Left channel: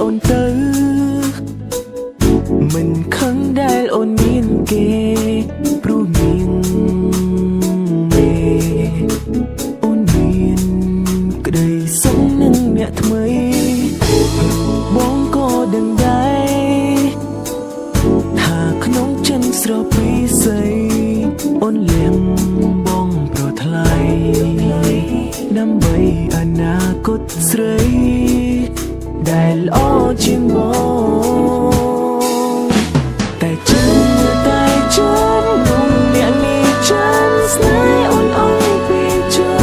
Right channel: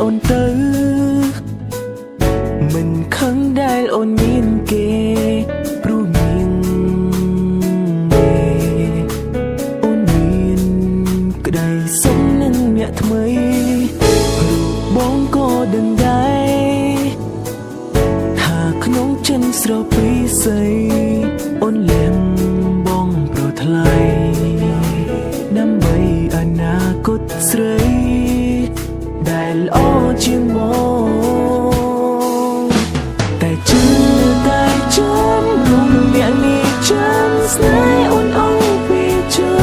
អូនទៅមិនខឹងដែលអូនមានគេព្រោះមានមេអូនមានក្តីសុខនឹងអ្នកថ្មីរូបបងក៏ដឹងដែរថាក្នុងចិនស្រពីស័យអូនលៀងបងប្រថ្លៃដើម្បីអនាគតស្រីដែលល្អជាងបងតែចិនតែចិននោះអ្នកនេះចិនស្នេហ៍អូនអង្គពីចិ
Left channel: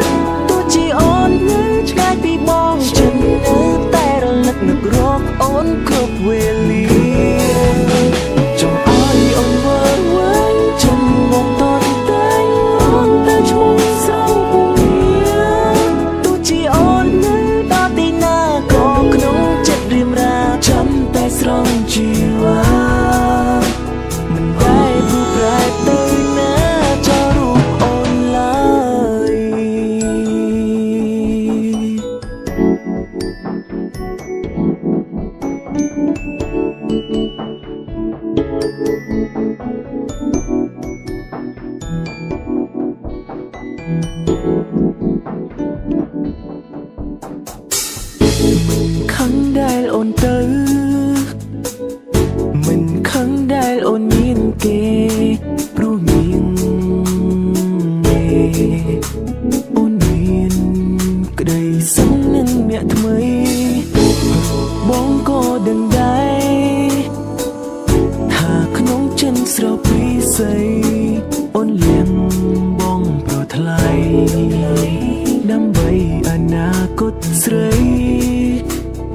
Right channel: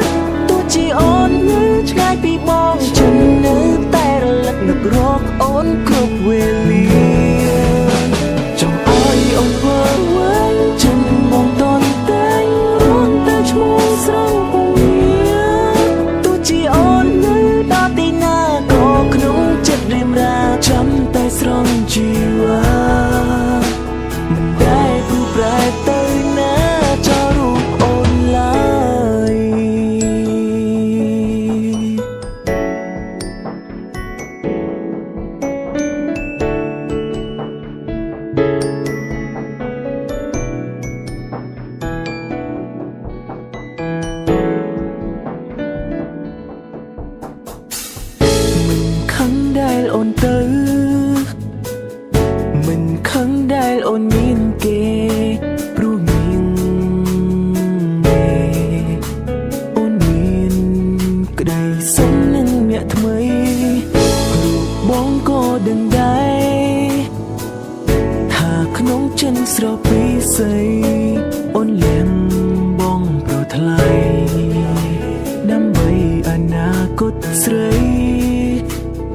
នទោះជាអូននៅឆ្ងាយពីបងចិននៅតែរលឹកនឹករកអូនគ្រប់វេលាចង់ឲ្យអូនវើវិញចិនបងតន់តែងរងតែឈ្មោះស្រងពងទោះជាអូននៅដល់ទីណាក៏ក្នុងចិត្តរៀមរាចាំតែស្រង់ជីវ៉ាមិនដែលព្រោះប្រែទៅណាចោលរូបអូនឡើយមិនខឹងដែលអូនទៅមិនខឹងដែលអូនមានគេព្រោះមានមេអូនមានក្តីសុខនឹងអ្នកថ្មីរូបបងក៏ដឹងដែរថាក្នុងចិនស្រពីស័យអូនលៀងបងប្រថ្លៃដើម្បីអនាគតស្រី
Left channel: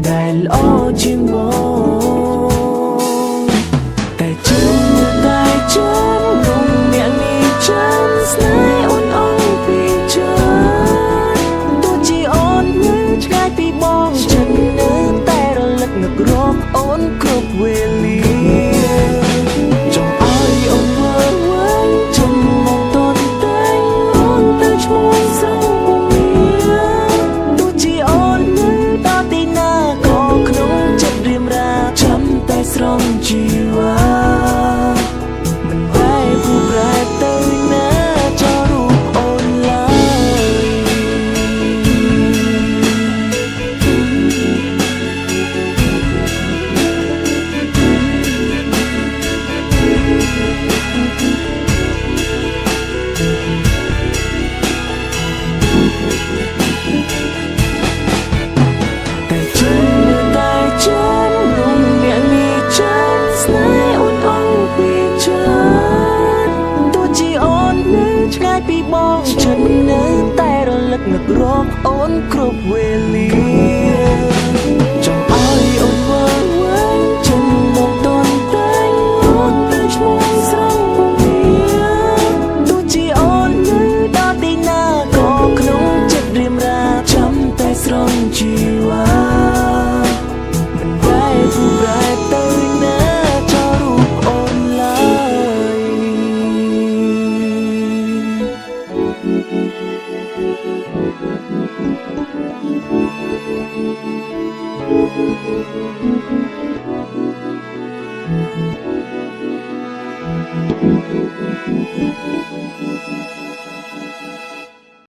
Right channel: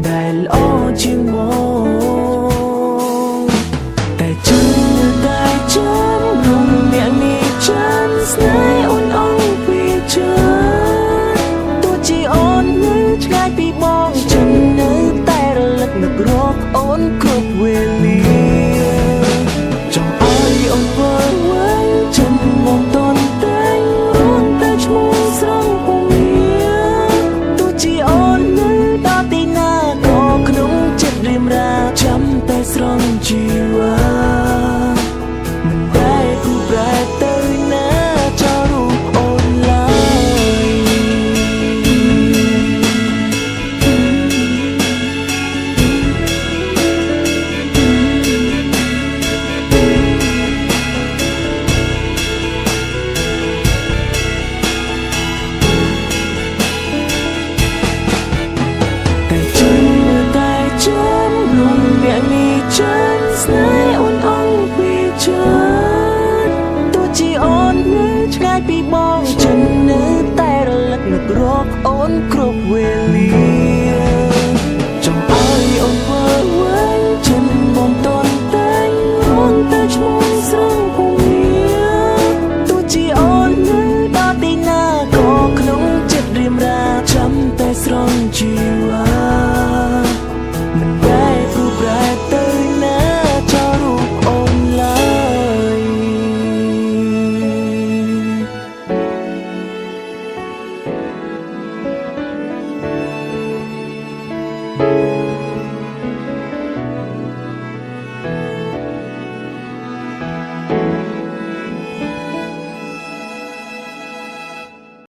ដែលល្អជាងបងតែចិនតែចិននោះអ្នកនេះចិនស្នេហ៍អូនអង្គពីចិនទោះជាអូននៅឆ្ងាយពីបងចិននៅតែរលឹកនឹករកអូនគ្រប់វេលាចង់ឲ្យអូនវើវិញចិនមកតន់តែងរងតែឈ្មោះស្រងពងទោះជាអូននៅដល់ទីណាក៏ក្នុងចិត្តរៀមរាចាំតែស្រង់ជីវ៉ាមិនដែលព្រោះប្រែទៅណាចោលរូបអូនឡើយតែចិនតែចិននោះអ្នកនេះចិនស្នេហ៍អូនអង្គពីចិនទោះជាអូននៅឆ្ងាយពីបងចិននៅតែរលឹកនឹករកអូនគ្រប់វេលា